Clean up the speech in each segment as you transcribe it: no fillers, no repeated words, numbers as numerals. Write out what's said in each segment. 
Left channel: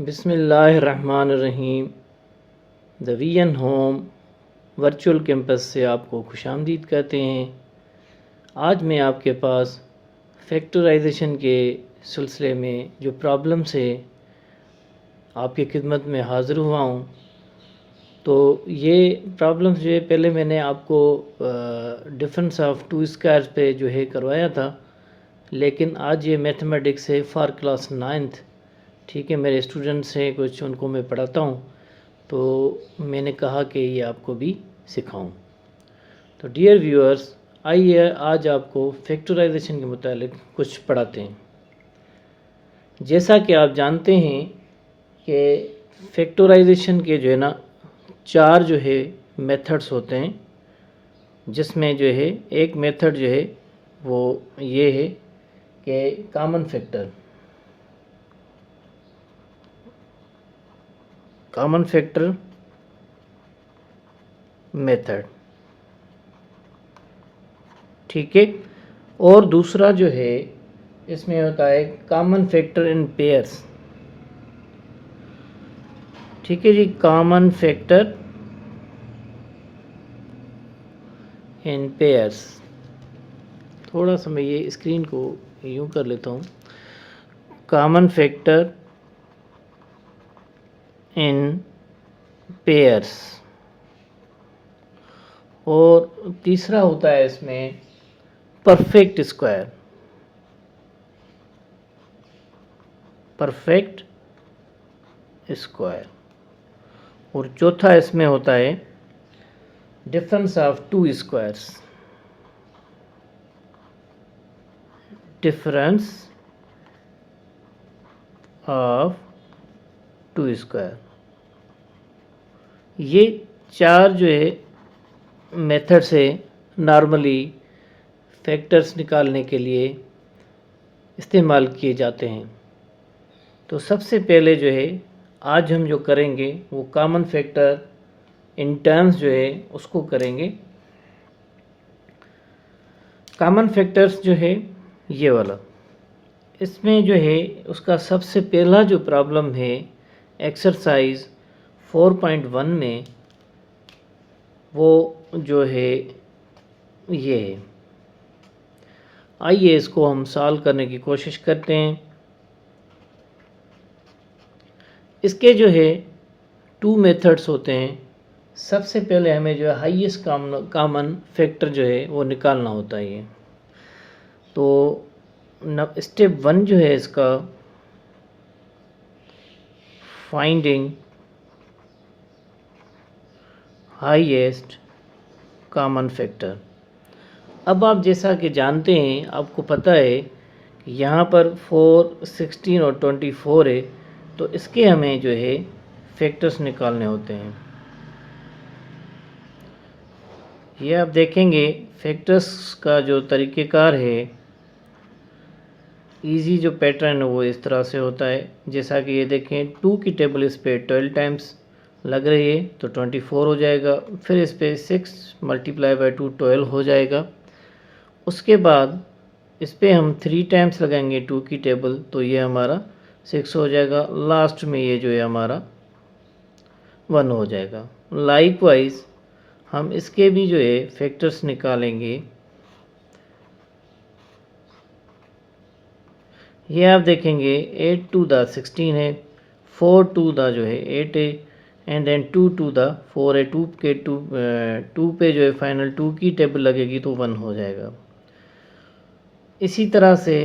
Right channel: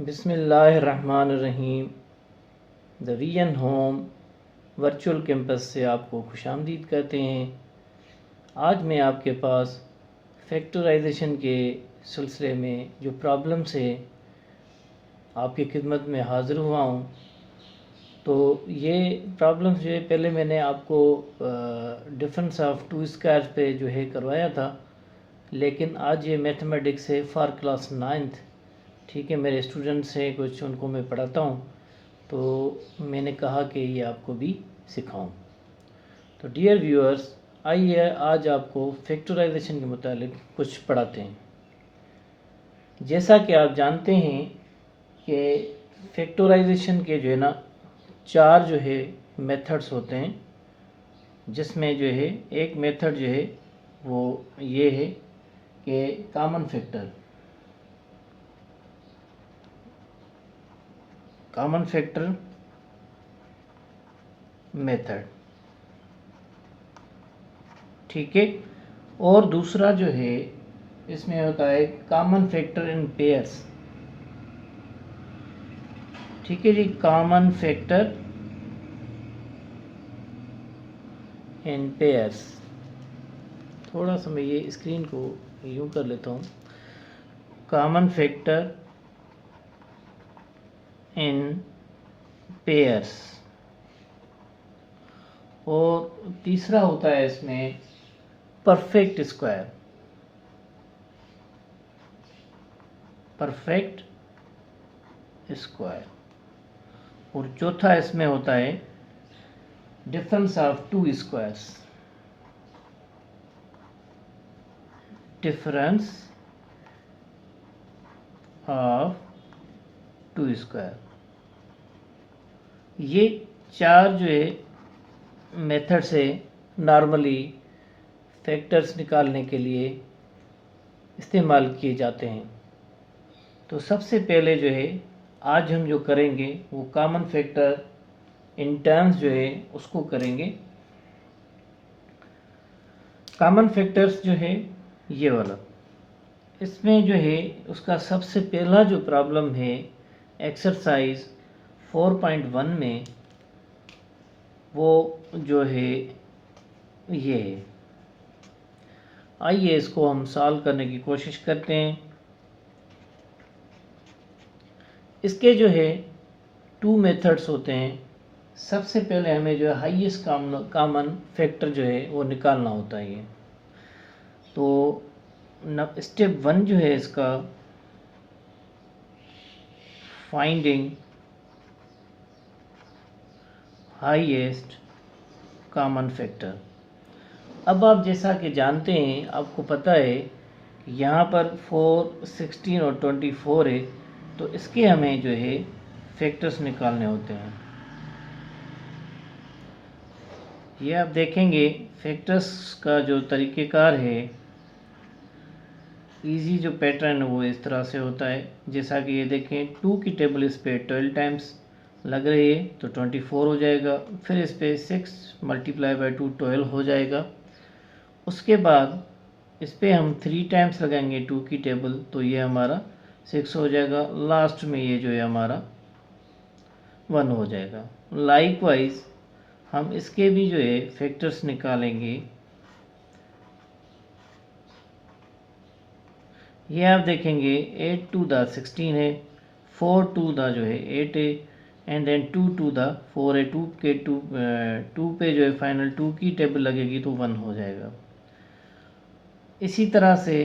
बिस्मिल्लाहिर्रहमानिर्रहीम। The vision home virtual campus से आपको खुशामदीद कहते हैं। आज मैं आपके पास फैक्टराइजेशन के सिलसिले में जो प्रॉब्लम्स है आपकी खिदमत में हाज़िर हुआ हूँ। तो ये प्रॉब्लम्स जो है पहले मैंने आपको डिफरेंस ऑफ टू स्क्वायर्स पे जो है करवाया था, लेकिन आज ये मैथमेटिक्स है फॉर क्लास 9th। ठीक है, मेरे स्टूडेंट्स हैं कुछ, उनको मैं पढ़ाता हूँ, तो मैंने कहा कि ये आपको भी सिखाऊं। तो डियर व्यूअर्स, आइए आज आपको फैक्टराइजेशन के मुतालिक कुछ पढ़ाते हैं। जैसा कि आप जानते हैं कि फैक्टराइजेशन के जो है ना 4 जो है मेथड्स होते हैं, जिसमें जो है एक मेथड जो है वो ये है कि कॉमन फैक्टर मेथड, ठीक है। और दूसरा जो है इसमें होता है कॉमन फैक्टर इन पेयर्स, ठीक है जी, कॉमन फैक्टर इन पेयर्स। थोड़ा सा मैं ये स्क्रीन को यूं कर लेता हूँ। Common factor in pairs. और तीसरा होता है इसमें परफेक्ट स्क्वायर, और चौथा इसमें होता है difference of two squares, difference of two square. ये 4 जो है मेथड से नॉर्मली फैक्टर्स निकालने के लिए इस्तेमाल किए जाते हैं। तो सबसे पहले जो है आज हम जो करेंगे वो कॉमन फैक्टर इन टर्म्स जो है उसको करेंगे। कॉमन फैक्टर्स जो है ये वाला, इसमें जो है उसका सबसे पहला जो प्रॉब्लम है एक्सरसाइज 4.1 में, वो जो है ये है। आइए इसको हम सॉल्व करने की कोशिश करते हैं। इसके जो है 2 मेथड्स होते हैं। सबसे पहले हमें जो है हाईएस्ट कॉमन फैक्टर जो है वो निकालना होता है। तो स्टेप 1 जो है इसका फाइंडिंग हाईएस्ट कॉमन फैक्टर। अब आप जैसा कि जानते हैं, आपको पता है कि यहाँ पर 4, 16 और 24 है, तो इसके हमें जो है फैक्टर्स निकालने होते हैं। ये आप देखेंगे फैक्टर्स का जो तरीक़ेकार है, इजी जो पैटर्न है वो इस तरह से होता है। जैसा कि ये देखें 2 की टेबल इस पे 12 टाइम्स लग रही है तो 24 हो जाएगा। फिर इस पे 6 मल्टीप्लाई बाई 2 12 हो जाएगा। उसके बाद इस पे हम 3 टाइम्स लगाएंगे 2 की टेबल, तो ये हमारा 6 हो जाएगा। लास्ट में ये जो है हमारा 1 हो जाएगा। लाइकवाइज हम इसके भी जो है फैक्टर्स निकालेंगे। ये आप देखेंगे 8 टू द 16 है, 4 टू द जो है 8 है, एंड देन 2 टू द 4 है। 2 के 2 पे जो है फाइनल 2 की टेबल लगेगी तो 1 हो जाएगा। इसी तरह से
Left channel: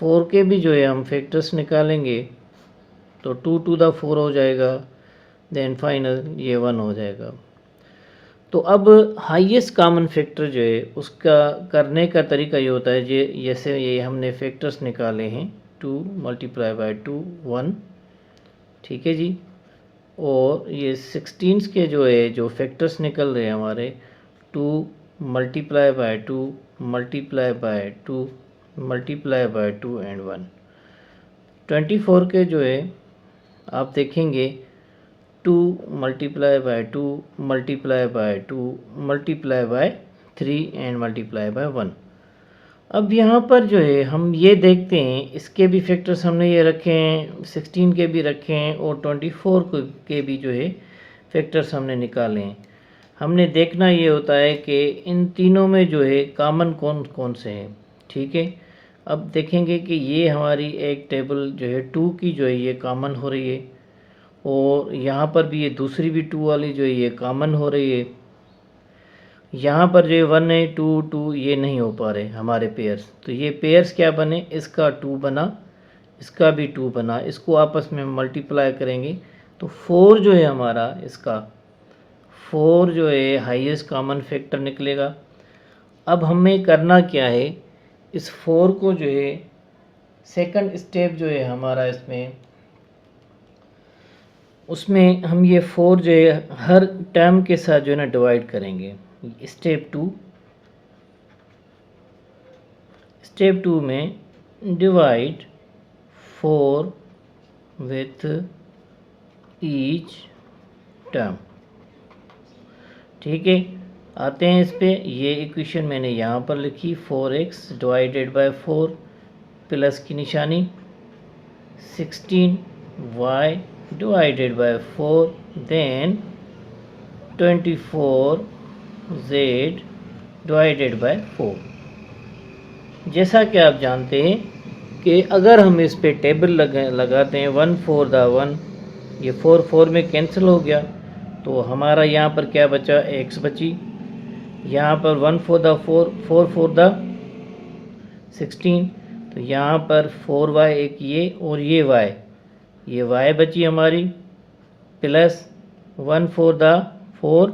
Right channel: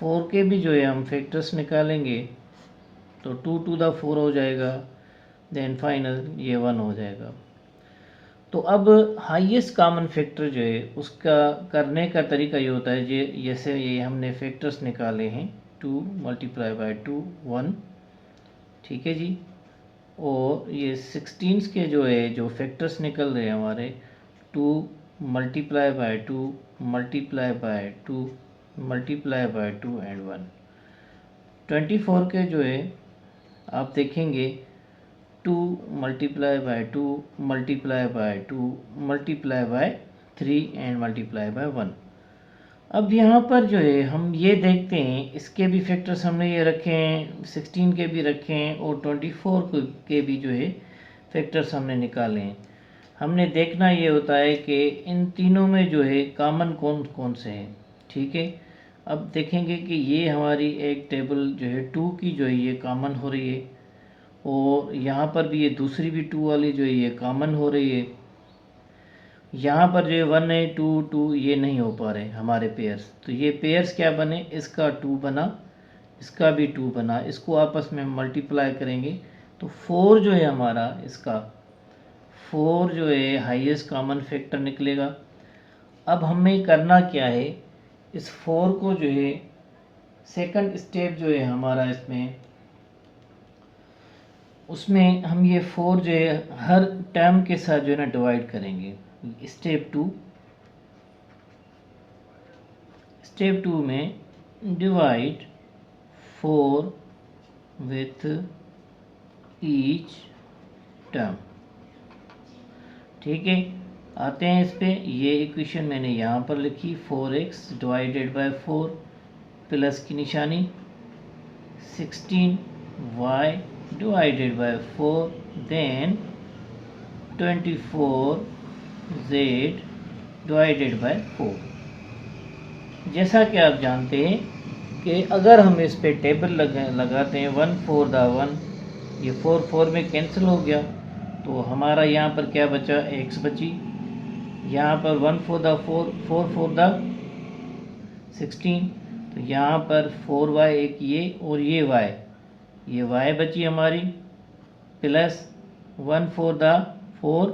4 के भी जो है हम फैक्टर्स निकालेंगे, तो 2 टू द 4 हो जाएगा, देन फाइनल ये 1 हो जाएगा। तो अब हाईएस्ट कॉमन फैक्टर जो है उसका करने का तरीका ये होता है, जैसे ये हमने फैक्टर्स निकाले हैं 2 मल्टीप्लाई बाई 2 1, ठीक है जी। और ये 16 के जो है जो फैक्टर्स निकल रहे हैं हमारे 2 multiply by 2 multiply by 2 multiply by 2 and 1। 24 के जो है आप देखेंगे 2 multiply by 2 multiply by 2 multiply by 3 and multiply by 1। अब यहाँ पर जो है हम ये देखते हैं, इसके भी फैक्टर्स हमने ये रखे हैं, 16 के भी रखे हैं और 24 के भी जो है फैक्टर्स हमने निकाले हैं। हमने देखना ये होता है कि इन तीनों में जो है कॉमन कौन कौन से हैं। ठीक है, अब देखेंगे कि ये हमारी एक टेबल जो है 2 की जो है ये कॉमन हो रही है, और यहाँ पर भी ये दूसरी भी 2 वाली जो है ये कॉमन हो रही है। यहाँ पर जो 1 है 2 2 ये नहीं हो पा रहे हमारे पेयर्स, तो ये पेयर्स क्या बने, इसका 2 बना, इसका भी 2 बना, इसको आपस में मल्टीप्लाई करेंगे तो 4 जो है हमारा, इसका 4 जो है हाईएस्ट कॉमन फैक्टर निकलेगा। अब हमें करना क्या है, इस 4 को जो है सेकंड स्टेप जो है हमारा इसमें, उसमें हम ये 4 जो है हर टर्म के साथ जो है ना डिवाइड करेंगे। स्टेप 2 में डिवाइड 4 विथ ईच टर्म। ठीक है, आते हैं इस पे। ये इक्वेशन मैंने यहाँ पर लिखी, 4x डिवाइडेड बाय 4 प्लस की निशानी 16y divided by 4 then 24z divided by 4। जैसा कि आप जानते हैं कि अगर हम इस पे टेबल लगाते हैं 1 4 द 1, ये 4 4 में कैंसिल हो गया, तो हमारा यहाँ पर क्या बचा, x बची। यहाँ पर 1 4 द 4 4 4 द 16, तो यहाँ पर 4y एक ये और ये y बची हमारी, प्लस 1 4 द 4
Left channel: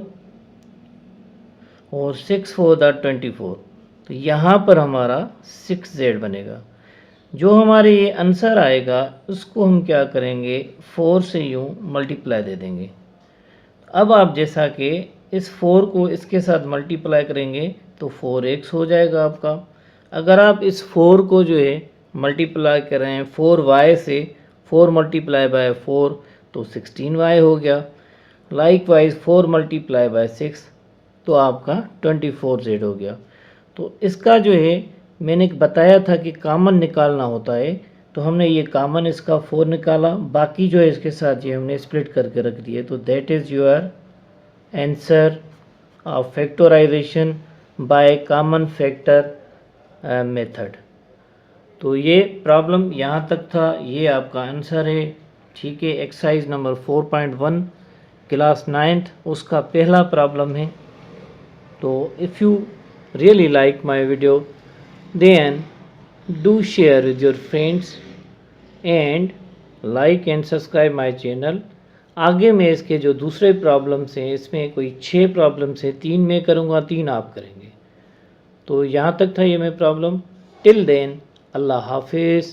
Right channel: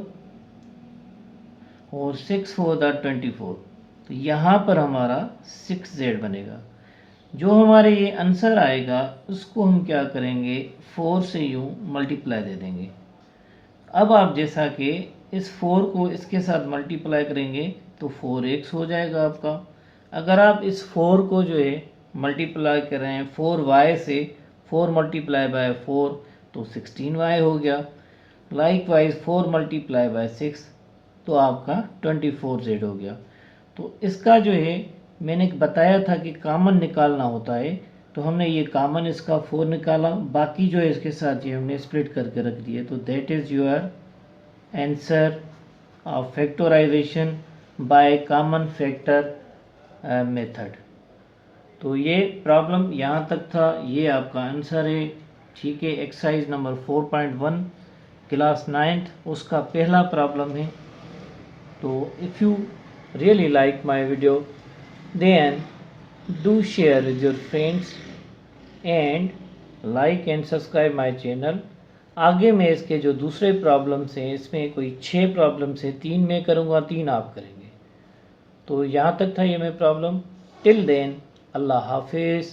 और 6 4 द 24, तो यहाँ पर हमारा 6z बनेगा। जो हमारे ये आंसर आएगा उसको हम क्या करेंगे, 4 से यूँ मल्टीप्लाई दे देंगे। अब आप जैसा कि इस 4 को इसके साथ मल्टीप्लाई करेंगे तो 4x हो जाएगा आपका। अगर आप इस 4 को जो है मल्टीप्लाई कर रहे हैं 4y से, 4 मल्टीप्लाई बाय 4 तो 16y हो गया। लाइकवाइज 4 मल्टीप्लाई बाय 6 तो आपका 24z हो गया। तो इसका जो है मैंने बताया था कि कॉमन निकालना होता है, तो हमने ये कॉमन इसका 4 निकाला, बाकी जो है इसके साथ ये हमने स्प्लिट करके रख दिए। तो that is your answer of factorization by common factor method. तो ये प्रॉब्लम यहाँ तक था, ये आपका आंसर है। ठीक है, एक्सरसाइज नंबर 4.1 क्लास 9th उसका पहला प्रॉब्लम है। तो if you really like my video, then do share with your friends and like and subscribe my channel। आगे मैं इसके जो दूसरे प्रॉब्लम्स हैं, इसमें कोई 6 प्रॉब्लम्स हैं, 3 मैं करूँगा, 3 आप करेंगे। तो यहाँ तक था ये मैं प्रॉब्लम। टिल देन अल्लाह हाफिज़।